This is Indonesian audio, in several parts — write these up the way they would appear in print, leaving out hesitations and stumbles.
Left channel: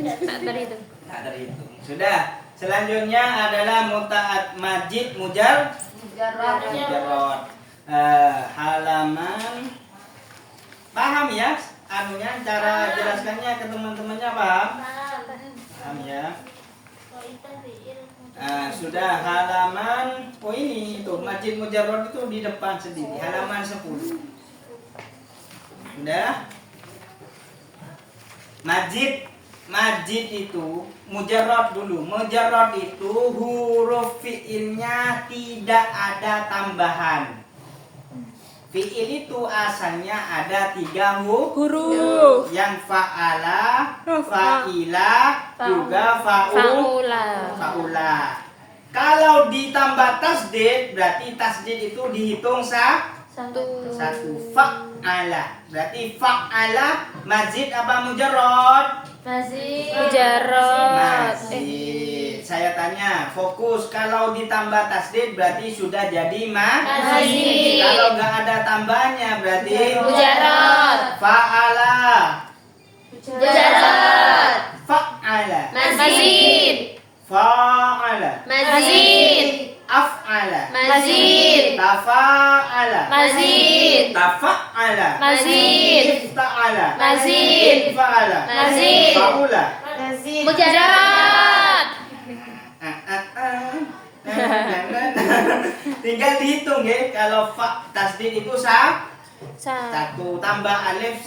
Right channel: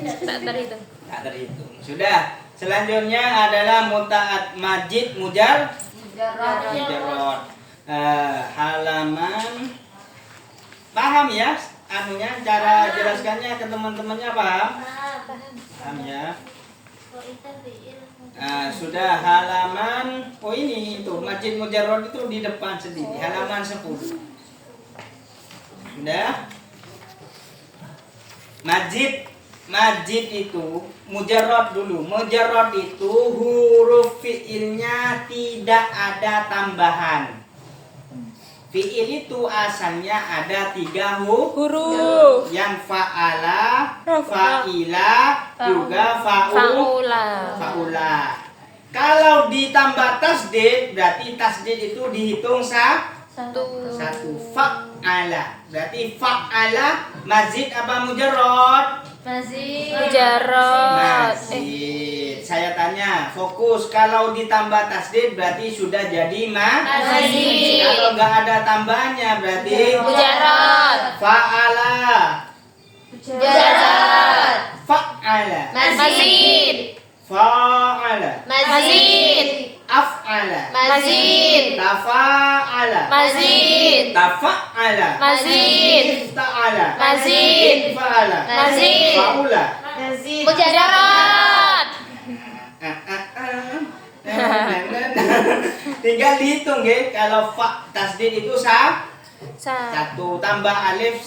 Tak terhitung. Tak terhitung. Sudah. Selanjutnya adalah mutaat majid mujarrad. Halaman. Paham ya? Anunya cara jelaskannya ke teman-temannya paham? Paham ya? Sudah halaman. Oh ini itu majid mujarrad itu di depan sendiri. Halaman 10. Sudah. Majid itu mujarrad dulu. Mujarrad itu huruf fiilnya tidak ada tambahan. Fiil itu asalnya ada 3 huruf. Yang fa'ala, fa'ila, juga fa'ula. Kalau ditambah tasdid, berarti tasdid itu dihitung satu. Fa'ala. Berarti fa'ala mazid apa mujarrad? Mujarrad. Saya tanya, fokus. Kalau ditambah tasdid berarti sudah jadi Mazid. Kalau nggak ada tambahannya berarti Mujarrad. fa'ala. Mujarrad. Fa'ala. Mazid. Fa'ala. Mazid. Af'ala. Mazid. Tafa'ala. Mazid. Tafa'ala. Mazid. Ta'ala. Mazid. Fa'ala. Mazid. Fa'ula. Mujarrad. Tinggal dihitung ya. Kalau fa tasdid itu Satu. tambah alif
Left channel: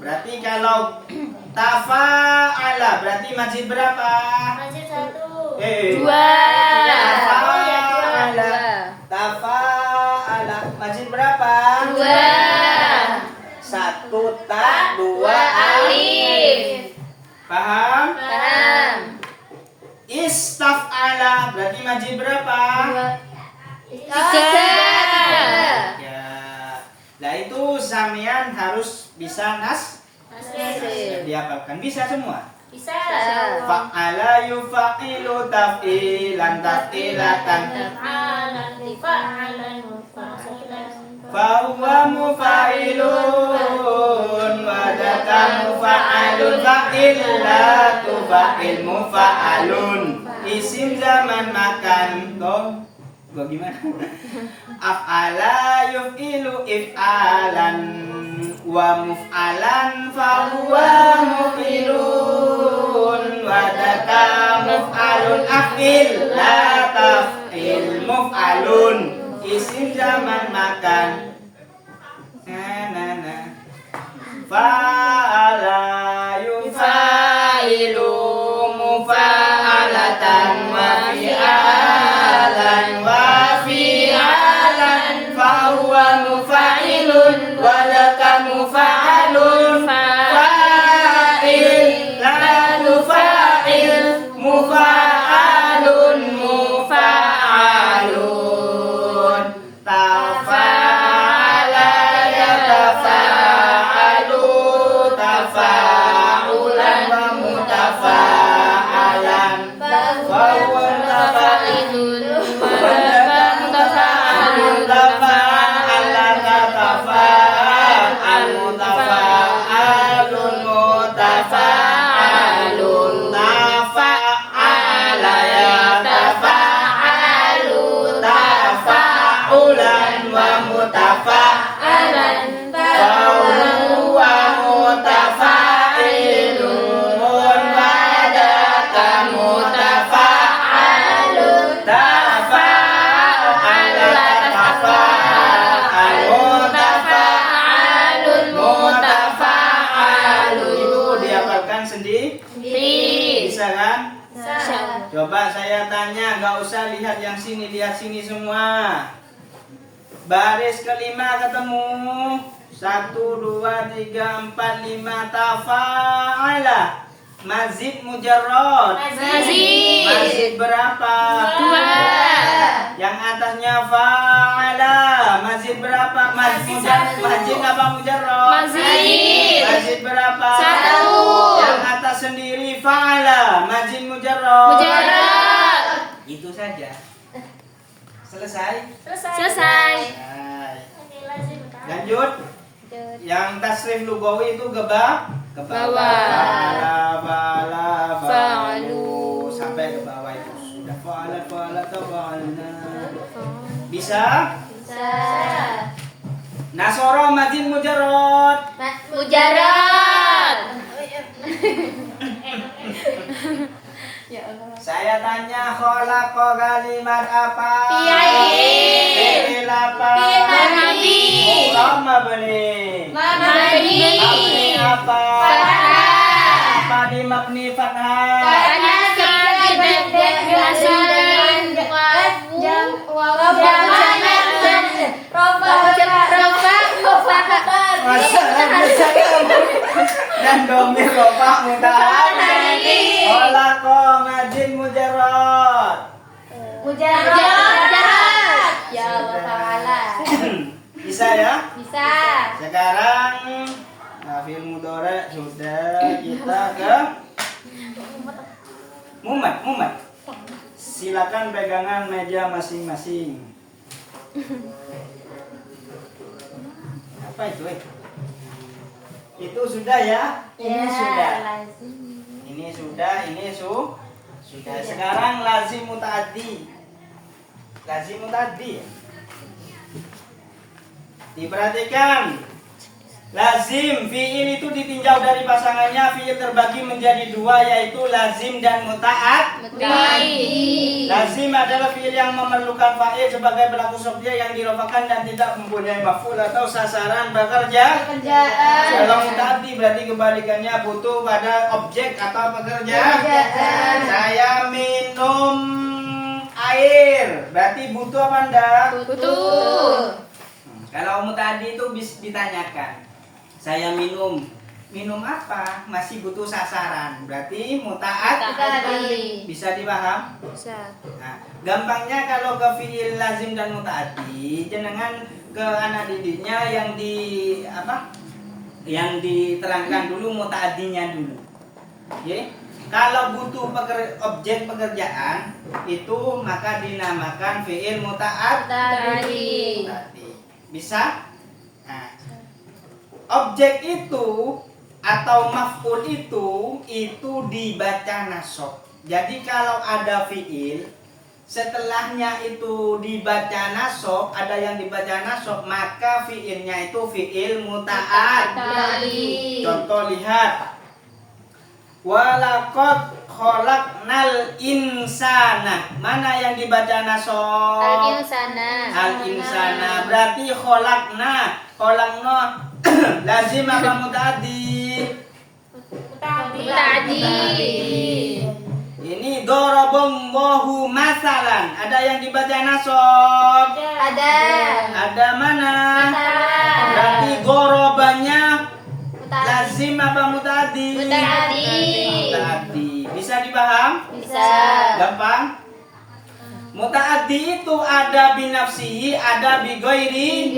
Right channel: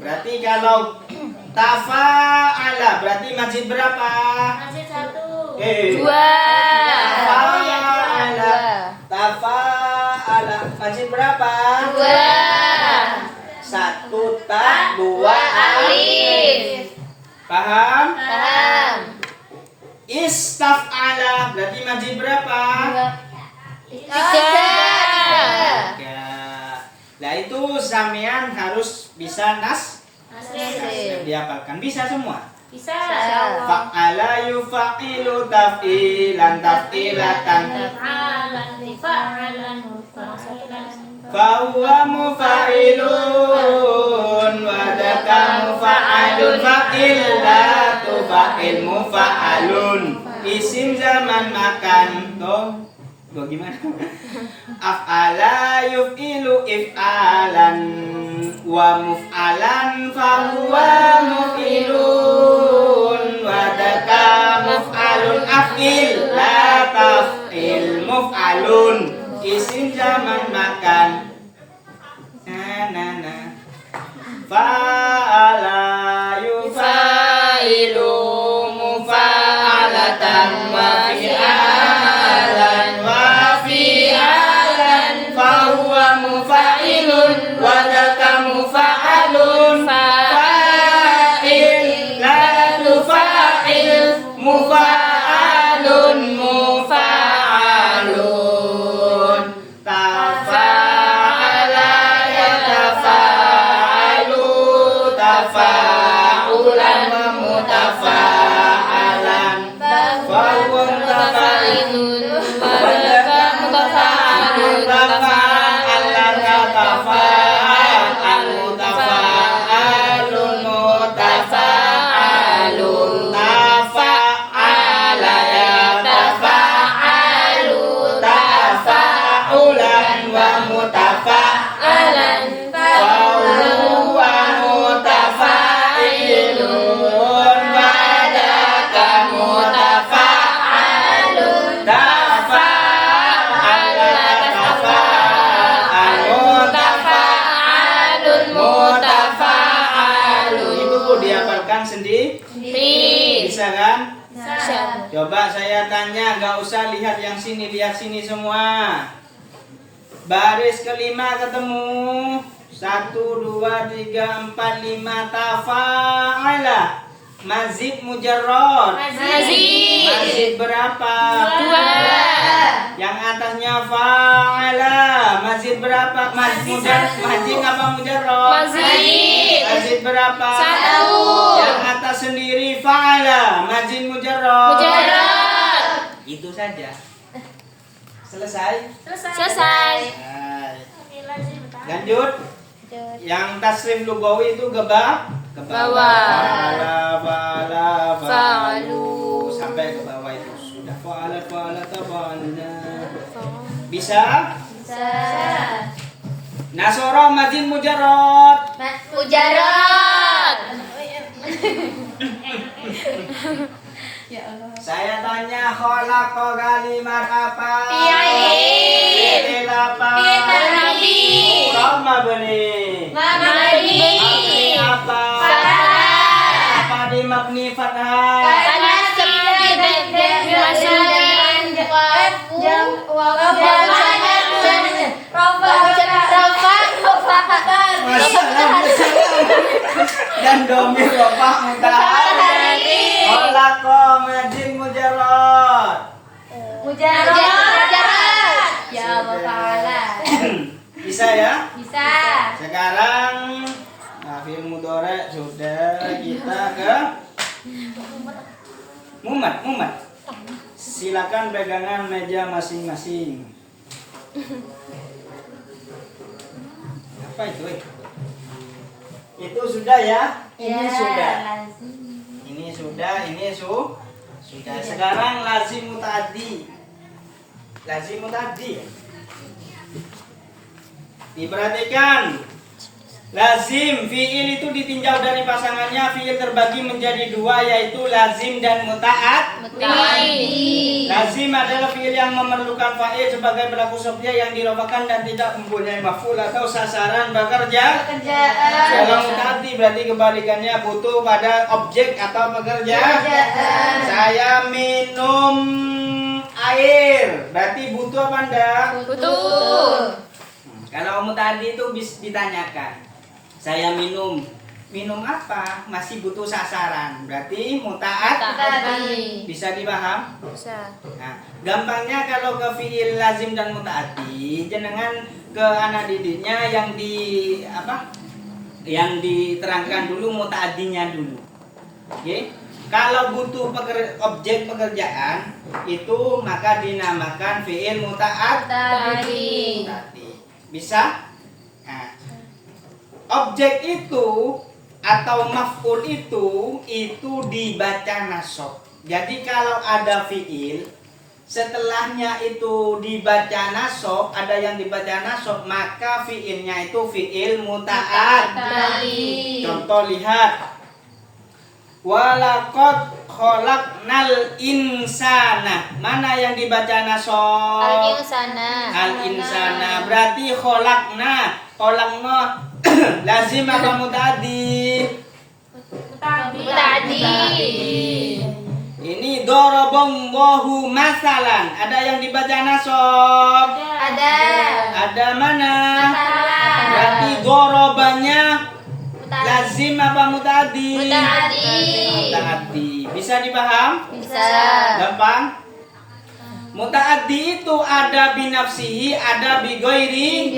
berarti kalau tafa'ala berarti masjid berapa? Dua. Tafa'ala masjid berapa? Dua. 1 ta 2 Alif. Paham? Paham. Istaf'ala berarti masjid berapa? Tiga. Nah itu sampean harus bisa dihafalkan. Bisa semua. Bisa. Fa'ala yufa'ilu taf'ilan taf'ilatan fahuwa mufa'ilun wadaka mufa'alun fa'illatu fa'il mufa'alun isim zaman makan. Bagaimana? Af'ala yuf'ilu if'alan wa muf'alan fahuwa muf'ilun wadaka muf'alun af'il la taf'il muf'alun isim zaman makan. Fa'ala yufa'ilu mufa'alatan wa fi'alan wa fi'alan fahuwa mufa'ilun wa laka mufa'alun fa'il la tufa'il mufa'alun mufa'alun tafa'ala yatafa'alu tafa'ulan wa mutafa'alan fahuwa Mutafa'ilun. Wadaka mutafa'alun. tafa'alan yatafa'al mutafa'alun mutafa'alun tafa'ala yatafa'alu tafa'ulan wa mutafa'alan fahuwa mutafa'ilun wadaka mutafa'alun tafa'ala tafa'alun Mutafa'alun. mutafa'alun. Itu dihafalkan sendiri. Bisa kan? Bisa. Coba saya tanya, nggak usah lihat yang sini, lihat sini semua. Baris kelima ketemu. 1, 2, 3, 4, 5 tafa'ala. Mazid mujarrad. Mazid berapa? Dua. Yang atasnya fa'ala. Mazid berapa? Mazid apa mujarrad? Mazid. Mazid berapa? Satu. Yang atas sendiri fa'ala. Mazid mujarrad. Mujarrad. Itu saja. Selesai? Selesai. Lanjut. Yang tasrif lugawi itu ke bawah. Bawah. mujarrad. Mujarrad. Ya Allah. Saya tanya khalaqa kalimat apa? Fi'il. Fi'il apa? Fi'il. Mabni. Mabni. Mabni apa? Fathah. Apa di mabni fathah? Karena Dan domir rofa mutahari. Khalaqa majin mujarrad. Mujarrad. Ya Allah Ta'ala. Bisa ya? Bisa. Sekarang fi'il mudhari sudah, kita ke mumat. Silakan pegangan meja masing-masing. Apa itu? Itu sudah ya? Ini sudah. Ini sudah, sudah. Sekarang lazim muta'addi. Lazim muta'addi. Diperhatikan. Lazim fi'il itu ditinjau dari pasangannya. Fi'il terbagi menjadi dua, yaitu lazim dan Muta'addi. lazim adalah fi'il yang memerlukan fa'il sebagai pelaku subjek yang dirofakan dan tidak mempunyai maf'ul atau sasaran bekerja. Kalau muta'addi berarti kebalikannya butuh pada objek atau pekerjaan. Saya minum air, berarti butuh apa enggak? Butuh. Kalau muta'addi itu bisa ditanyakan. Saya minum apa? Masih butuh sasaran. Berarti Muta'addi. bisa dipaham? Bisa. Nah, gampangnya kalau ke fi'il lazim dan muta'addi, jenengan ke anak didiknya yang diterangkan dulu muta'addinya dulu. Oke? Kalau butuh objek pekerjaan itu maka dinamakan fi'il muta'addi. Bisa? Nah, objek itu atau maf'ul itu dibaca nasab. Jadi kalau ada fi'il setelahnya itu dibaca nasab, ada yang dibaca nasab, maka fi'ilnya itu fi'il muta'addi. Contoh lihat. Walaqad khalaqnal insana. Mana yang dibaca nasab? Al-insana. Berarti khalaqna lazim apa muta'addi? Muta'addi. Ini daraballahu masalan. Ada yang dibaca nasab? Ada mana? Berarti darabanya lazim apa muta'addi? Muta'addi. Bisa dipaham? Bisa. Gampang? Muta'addi itu ada binafsihi, ada bighairi.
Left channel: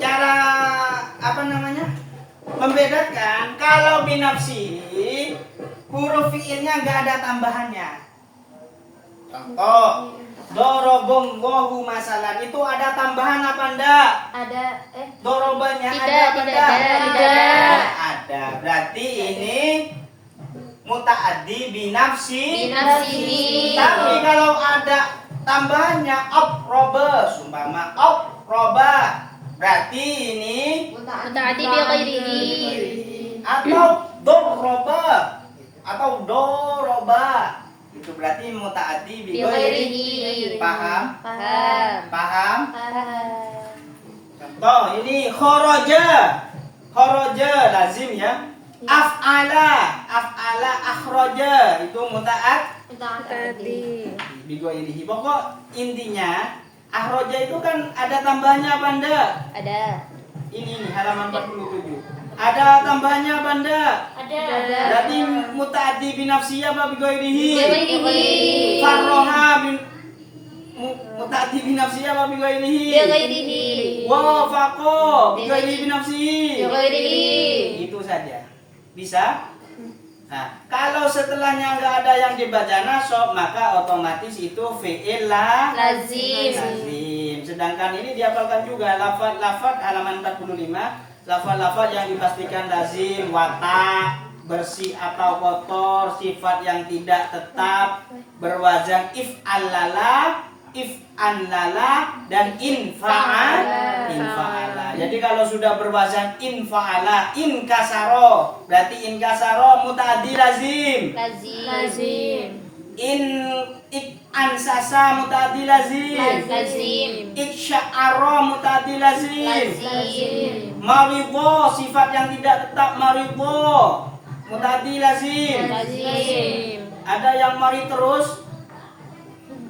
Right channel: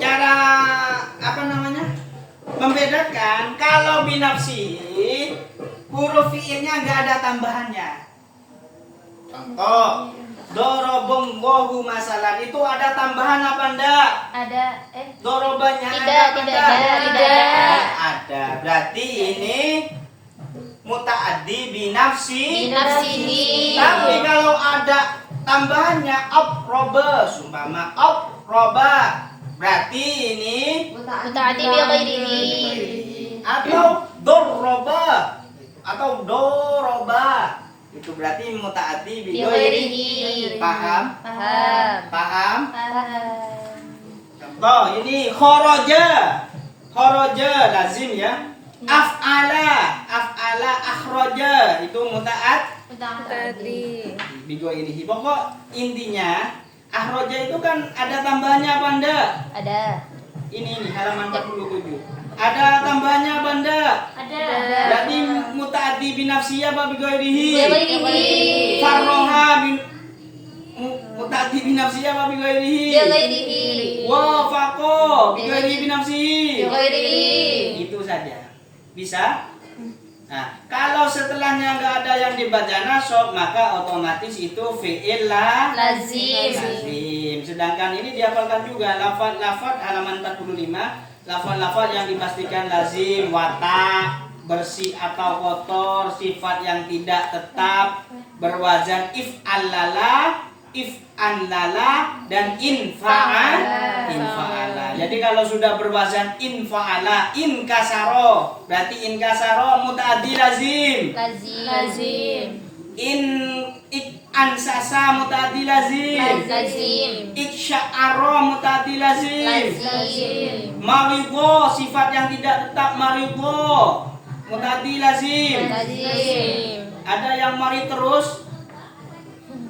Cara membedakan kalau binafsihi huruf fi'ilnya enggak ada tambahannya. Contoh, doroballahu masalan itu ada tambahan apa enggak? Dorobanya Tidak ada. Ada. Berarti ini muta'addi binafsihi. Tapi kalau ada tambahannya aproba, sumpama aproba, berarti ini Muta'addi bi ghairihi. atau doroba itu berarti muta'addi bi Bi ghairihi. ghairihi. Paham? Paham. Contoh ini kharaja lazim ya. Af'ala akhraja itu Muta'addi. bigo ini. Pokok intinya akhraja itu kan ada tambahannya apa enggak? Ada. Ini halaman 47. Ada tambahannya apa enggak? Ada. Berarti muta'addi binafsi apa bigo ini? Bi ghairihi. Farroha muta'addi binafsi apa bigo ini? Bi ghairihi. Wafaqo bigo ini binafsi. Bi ghairihi. Itu saja. Bisa? Nah, kalau setelahnya nggak ada yang dibaca nasab, maka otomatis itu fi'il Lazim. Sedangkan ini dihafalkan juga lafaz halaman 45, lafaz yang dipastikan lazim, watak, bersih atau kotor, sifat yang tidak tetap, berwazan if'alala, if'an lala dan infa'ala. Jadi kalau sudah berwazan infa'ala, inkasaro, berarti inkasaro mutaaddi lazim. Lazim. Ansasa mutaaddi lazim. Lazim. Iksya'ara mutaaddi lazim. Lazim. Maridho sifat yang tidak tetap maridho mutaaddi lazim. Lazim. Ada yang mari terus,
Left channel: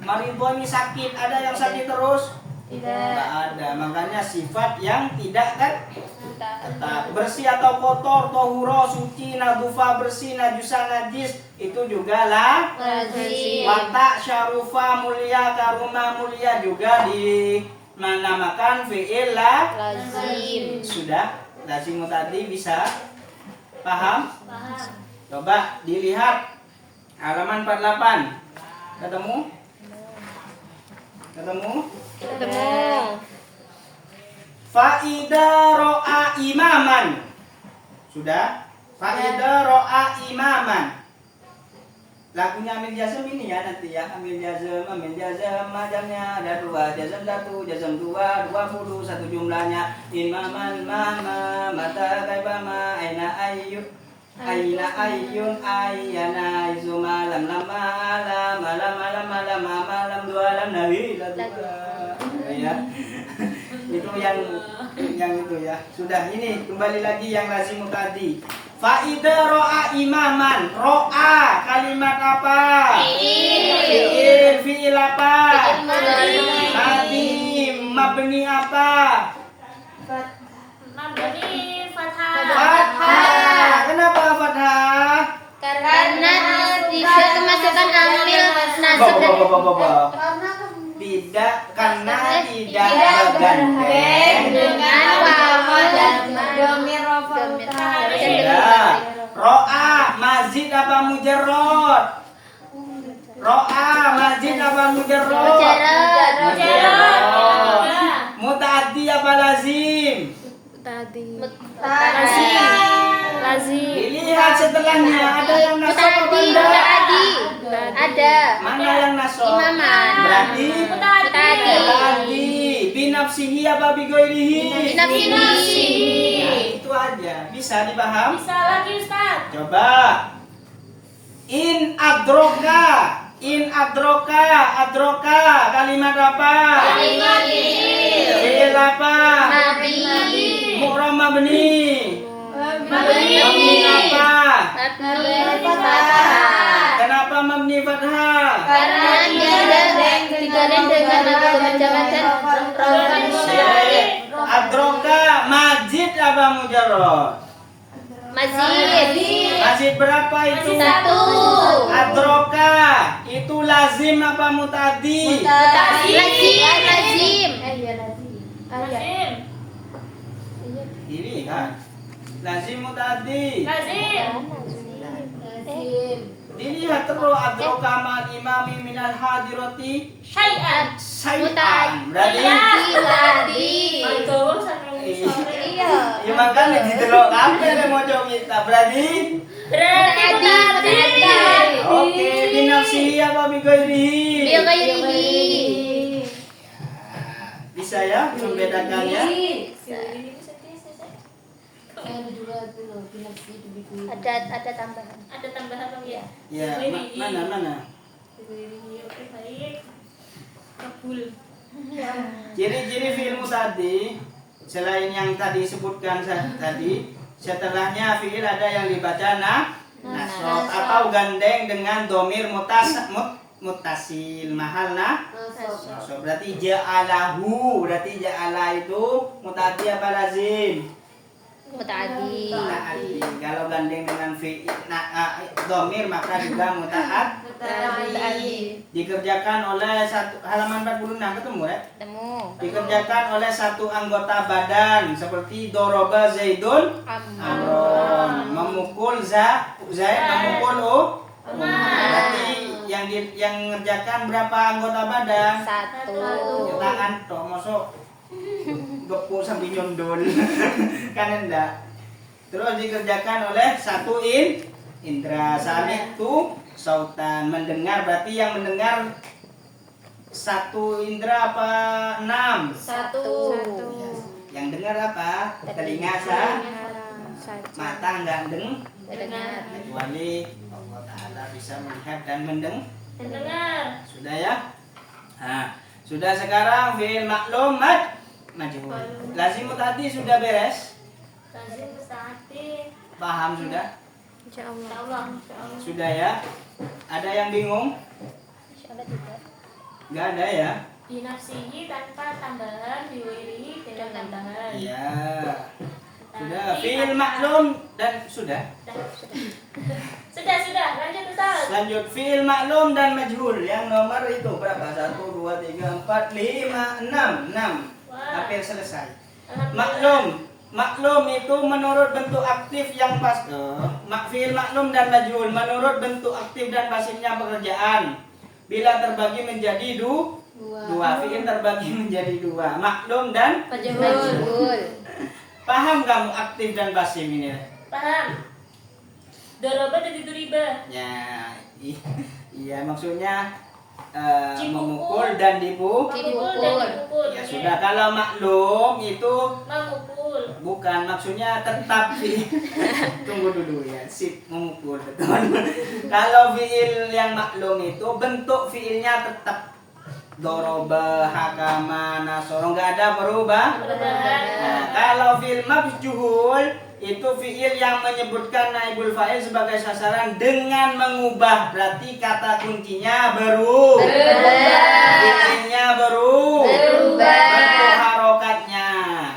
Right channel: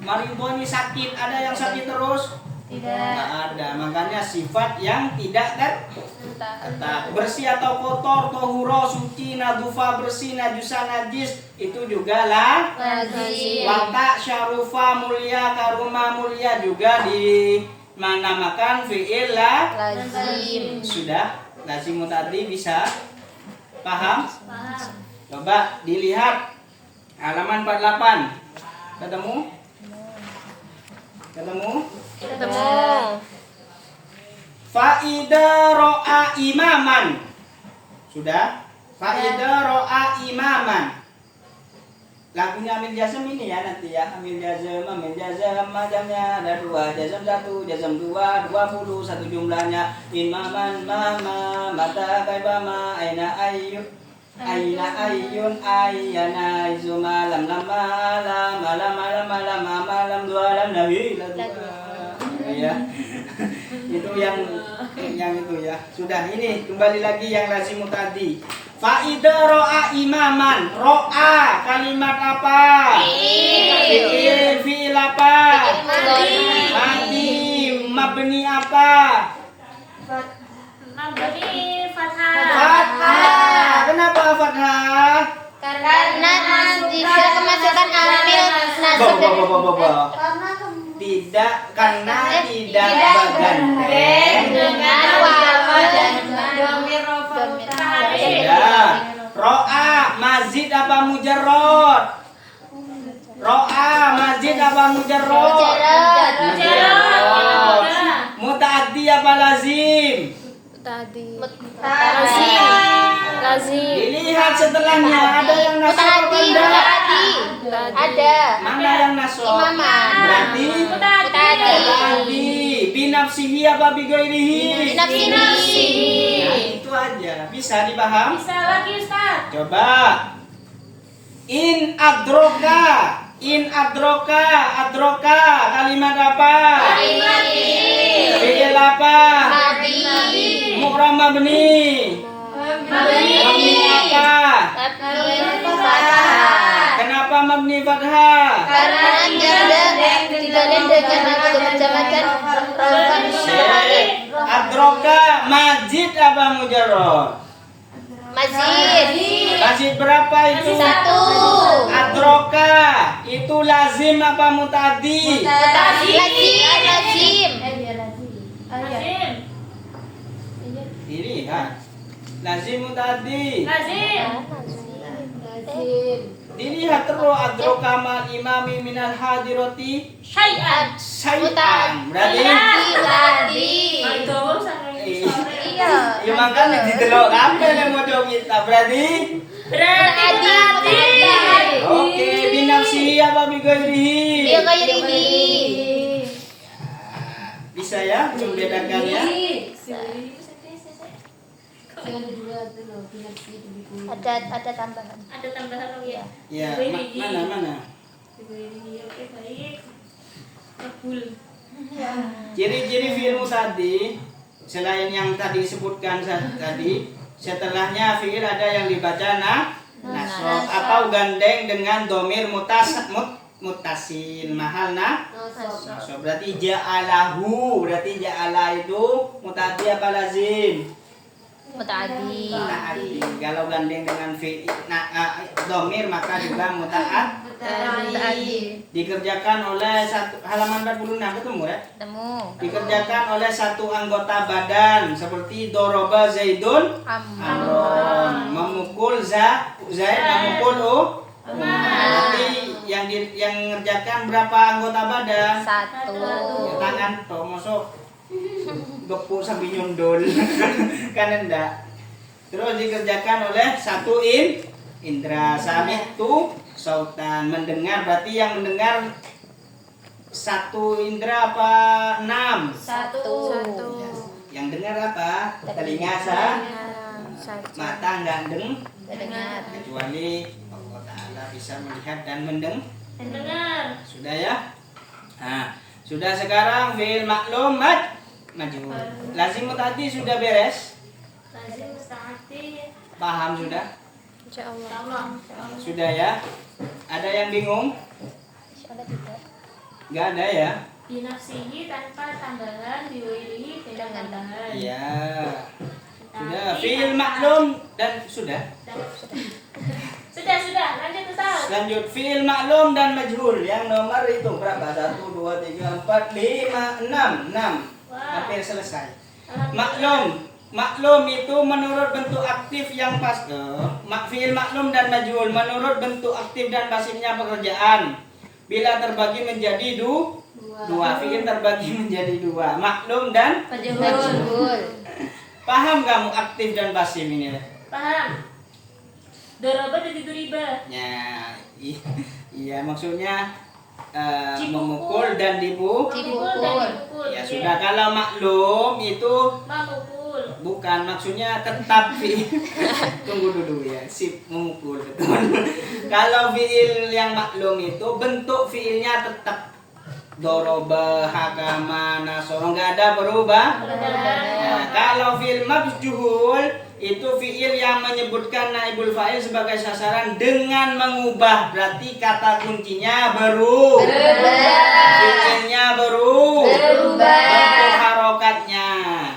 maridho ini sakit, ada yang sakit terus? Tidak. Nggak ada, makanya sifat yang tidak tetap. Bersih atau kotor, tohuro, suci, nadufa, bersih, najusa, najis, itu juga lah. Lazim. Watak, syarufa, mulia, karuma, mulia juga dinamakan fi'il lah. Lazim. Sudah, lazim tadi bisa paham? Coba dilihat halaman 48. Ketemu? Faida ro'a imaman. Sudah? Faida ro'a imaman. Lagunya Amil Jazm ini ya nanti ya. Amil Jazm macamnya ada 2. Jazm 1, Jazm 2, 20 satu jumlahnya. Imaman mama mata kaibama aina ayyun ayyana izuma lam dua lam nabi ya. Itu yang itu ya. Sudah, ini kembali lagi yang lazim tadi. Faida ro'a imaman. Ro'a kalimat apa? Fi'il apa? Madi. Mabni apa? Mabni fathah. Fathah. Kenapa fathah? Karena jika kemasukan amil nasab Tidak, karena tidak bergandeng dengan wawu dan Domir rofa Sudah. Ro'a mazid apa mujarrad? Ro'a mazid apa mujarrad? Mujarrad. Mutaaddi apa lazim? Lazim. Dilihat setelahnya ada yang nasab apa enggak? Ada. Mana yang nasab? Imaman. Berarti mutaaddi. Binafsihi apa bighairihi? Binafsihi. Nah, itu aja. Bisa dipaham? Bisa lagi Ustaz. Coba. In adroka kalimat apa? Fi'il apa? Mu'ram mabni apa? Kenapa mabni fathah? Karena digandeng dengan waktu berjamaah rofa mujarrad. Adroka majid apa mujarrad? Mazid berapa itu? 1. Adroka itu lazim apa mutaaddi? Lazim. Lazim. Ini kan lazim mutaaddi. Lazim. Dilihat terus adroka mal imami minal hadirati Syai'an. syai'an. Berarti Itu sangat sore. Iya. ya makanya didelok kabeh nek mojo kita. Berarti Mutaaddi. oke, binafsi apa bighairihi? Bisa ya membedakan ya? Ada tambahan. Ada tambahan dong ya. Ya, mana? Oke, baik. Kabul. Ciri-ciri fi'il tadi selain yang tadi disebutkan tadi, setelahnya fi'il ada yang dibaca nasab atau gandeng dengan domir mutasil mahal nasab. Berarti ja'alahu, berarti ja'ala itu mutaaddi apa lazim? Mutaaddi. Mutaaddi. Kalau gandeng dengan fi'il domir maka juga Mutaaddi. dikerjakan oleh halaman 46 ketemu ya? Temu. Dikerjakan oleh satu anggota badan seperti doroba zaidun amron, memukul zaid memukul berarti yang mengerjakan berapa anggota badan? 1. Tangan toh masuk gepuk sambil nyundul kan enggak. Terus dikerjakan oleh satu indra sami itu sautan, mendengar, berarti yang mendengar Satu indera apa 6? Satu. Yang dengar apa? Telinga mata nggak Dengar. kecuali Allah Ta'ala bisa melihat dan Mendengar. sudah ya. Nah, sudah sekarang fi'il maklum majhul. Lazim tadi sudah beres, Lazim musta'ati. paham sudah? Insyaallah. Sudah ya. Ada yang bingung? Insyaallah tidak. Nggak ada ya? Binafsihi tanpa tambahan, biwirihi dengan tambahan. Iya. Sudah Tapi fi'il tanpa- maklum dan sudah. Sudah. Lanjut Ustaz. Lanjut fi'il maklum dan majhul. Yang nomor itu berapa? 1 2 3 4 5 6. Wah. Hampir selesai. Alhamdulillah. Maklum itu menurut bentuk aktif yang pas. Fi'il maklum dan majhul menurut bentuk aktif dan pasifnya pekerjaan. Bila terbagi menjadi dua, fi'il terbagi menjadi dua, maklum dan Majhul. paham kamu aktif dan pasif ini? Paham? Doroba jadi duriba. Ya, iya maksudnya Dipukul. memukul dan Memukul dan dipukul. Ya Oke. sudah, kalau maklum itu Memukul. bukan maksudnya tetap tunggu dulu ya, sip memukul betul. Kalau fiil yang maklum itu bentuk fiilnya tetap doroba, hakama, nasoro, nggak ada berubah. Nah, kalau fiil majhul itu fiil yang menyebutkan naibul fa'il sebagai sasaran dengan mengubah, berarti kata kuncinya berubah. Fiilnya berubah. Bentuk harokatnya.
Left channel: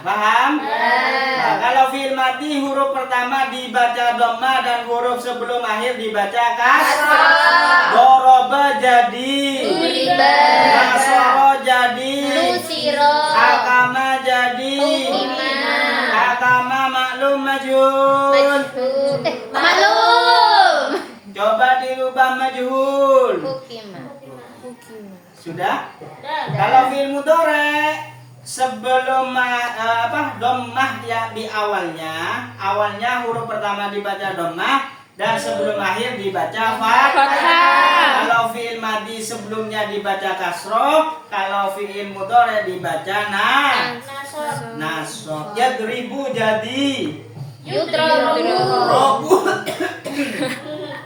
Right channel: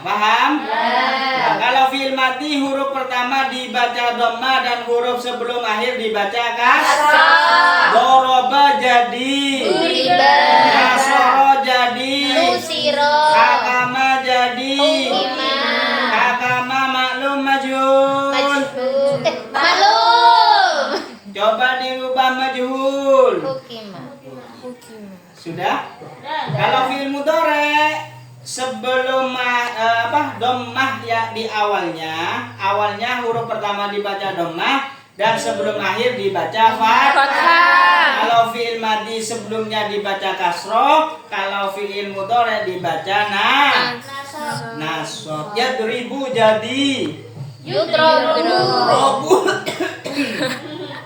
Paham? Nah, kalau fiil mati huruf pertama dibaca dhamma dan huruf sebelum akhir dibaca kasrah. Doroba jadi Duriba. nasoro jadi Lusiro. hakama jadi Hukima. hakama maklum majhul. Majhul. Maklum. Coba dirubah majhul. Hukima. Sudah? Sudah. Kalau fiil mudhari sebelum dhammah ya di awalnya huruf pertama dibaca dhammah dan sebelum akhir dibaca fathah. Kalau fiil madhi sebelumnya dibaca kasroh, kalau fiil mudhari dibaca Nasab. nasab. Yadribu jadi Yudrobu. robu.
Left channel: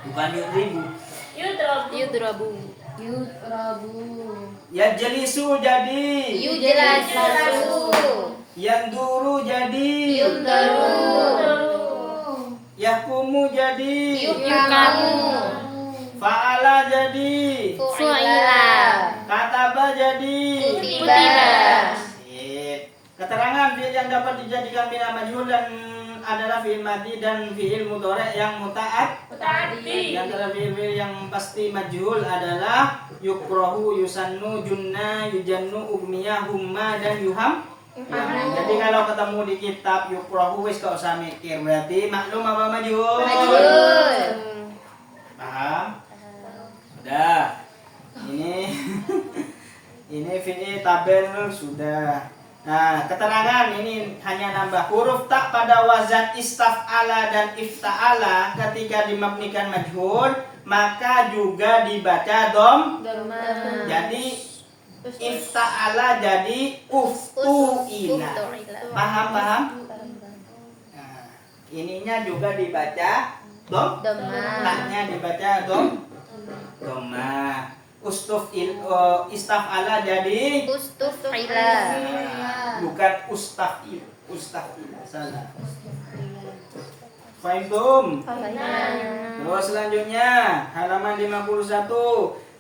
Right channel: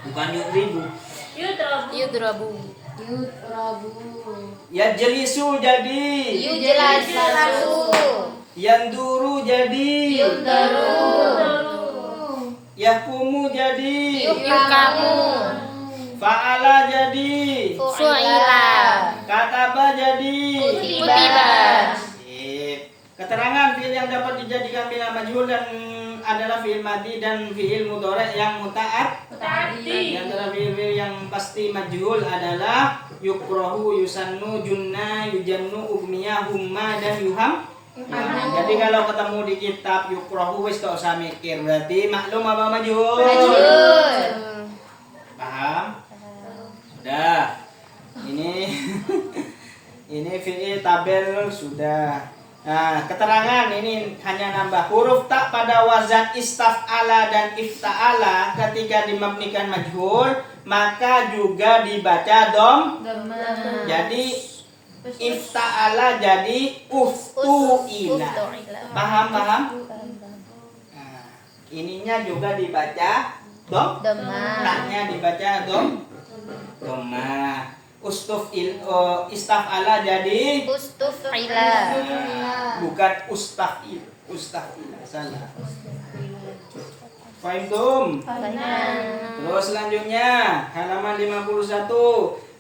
Bukan yudribu. Yudrobu. Yajlisu jadi Yujelasu. yanduru jadi Yundaru. yahkumu jadi Yukamu. fa'ala jadi Fu'ila. kataba jadi Kutiba. Sip. Keterangan fiil yang dapat dijadikan bina majhul dan adalah fiil madhi dan fiil mudhari yang muta'at. Muta'addi. Di antara fiil-fiil yang pasti majhul adalah yukrohu, yusannu, junna, yujannu, ugmiya, humma, dan yuham. Jadi kalau ketemu di kitab yukrohu wis gak usah mikir, berarti maklum apa majhul? Majhul. Paham? Sudah. Ini fiil tabel sudah. Nah, keterangan ini hanya nambah huruf tak pada wazan istaf'ala dan ifta'ala ketika dimabnikan majhul maka juga dibaca dom. Jadi ifta'ala jadi uftu'ila. Paham? Nah, ininya juga dibaca dom. Taknya dibaca dom. Doma. Istaf'ala jadi Ustufila. bukan ustaf'ila salah. Fahimtum? Terus selanjutnya halaman 51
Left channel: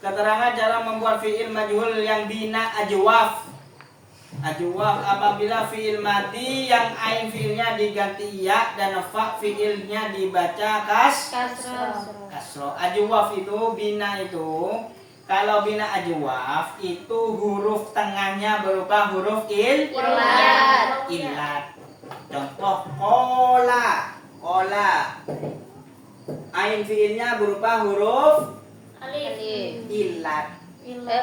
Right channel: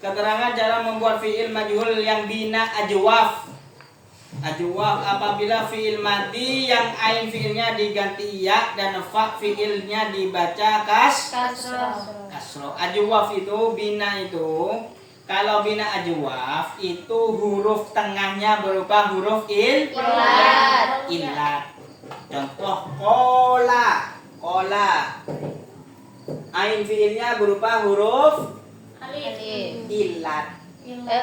keterangan cara membuat fiil majhul yang bina ajwaf. Ajwaf apabila fiil mati yang ain fiilnya diganti ya dan fa fiilnya dibaca kasro. Ajwaf itu bina itu kalau bina ajwaf itu huruf tengahnya berupa huruf Ilat. Contoh kola. Ain fiilnya berupa huruf Alif. ilat.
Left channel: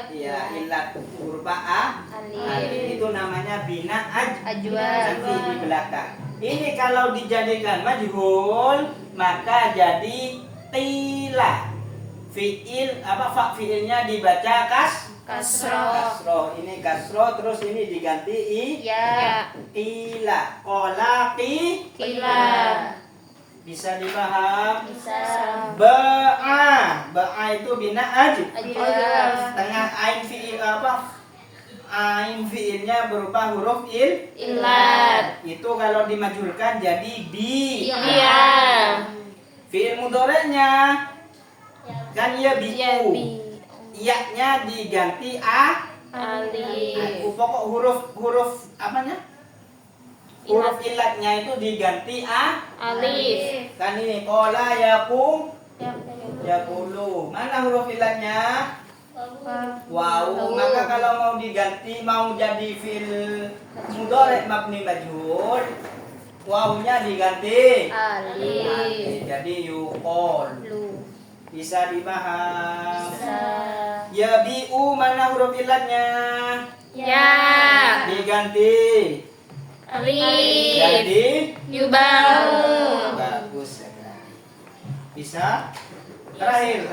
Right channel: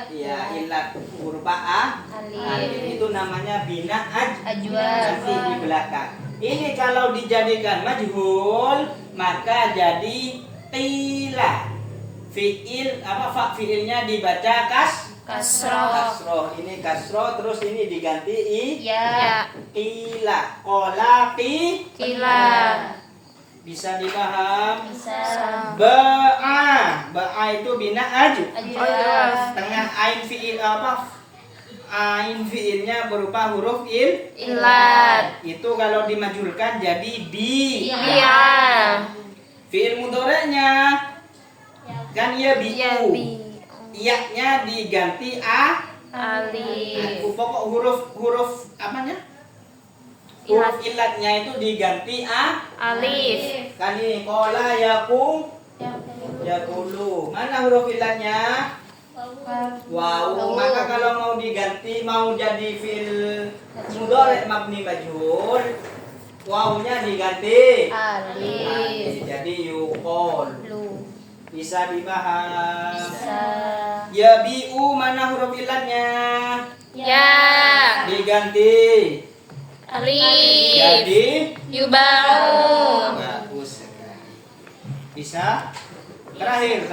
Ya, ilat berupa alif. Itu namanya bina Ajwaf. nanti di belakang. Ini kalau dijadikan majhul maka jadi tila. Fiil fiilnya dibaca Kasroh. Kasroh. Ini kasroh, terus ini diganti Ya. qila. Qala Kila. bisa dipaham? Bisa. Ba'a itu bina aju. Ajwa. Tengah ain fiil apa? Ain fiilnya berupa huruf Ilat. itu kalau dimajulkan jadi bi. Iya. Fiil mudhoreknya kan ya Ya bi'u. bi. Iya-nya diganti Alif. pokok huruf apanya? Huruf ilatnya itu diganti Alif. kan ini qala yaqulu. Mana huruf ilatnya? Wow, maka kalau mau diganti, mau jadi fi'il mudhari' mabni majhul, wawunya diganti Alif. jadi yuqol. Lu. Bisa dibahas. Bisa. Ya bi'u, mana huruf ilatnya? Ya. Diganti Alif. jadi Yubau. bagus sekali. Bisa? Terakhir.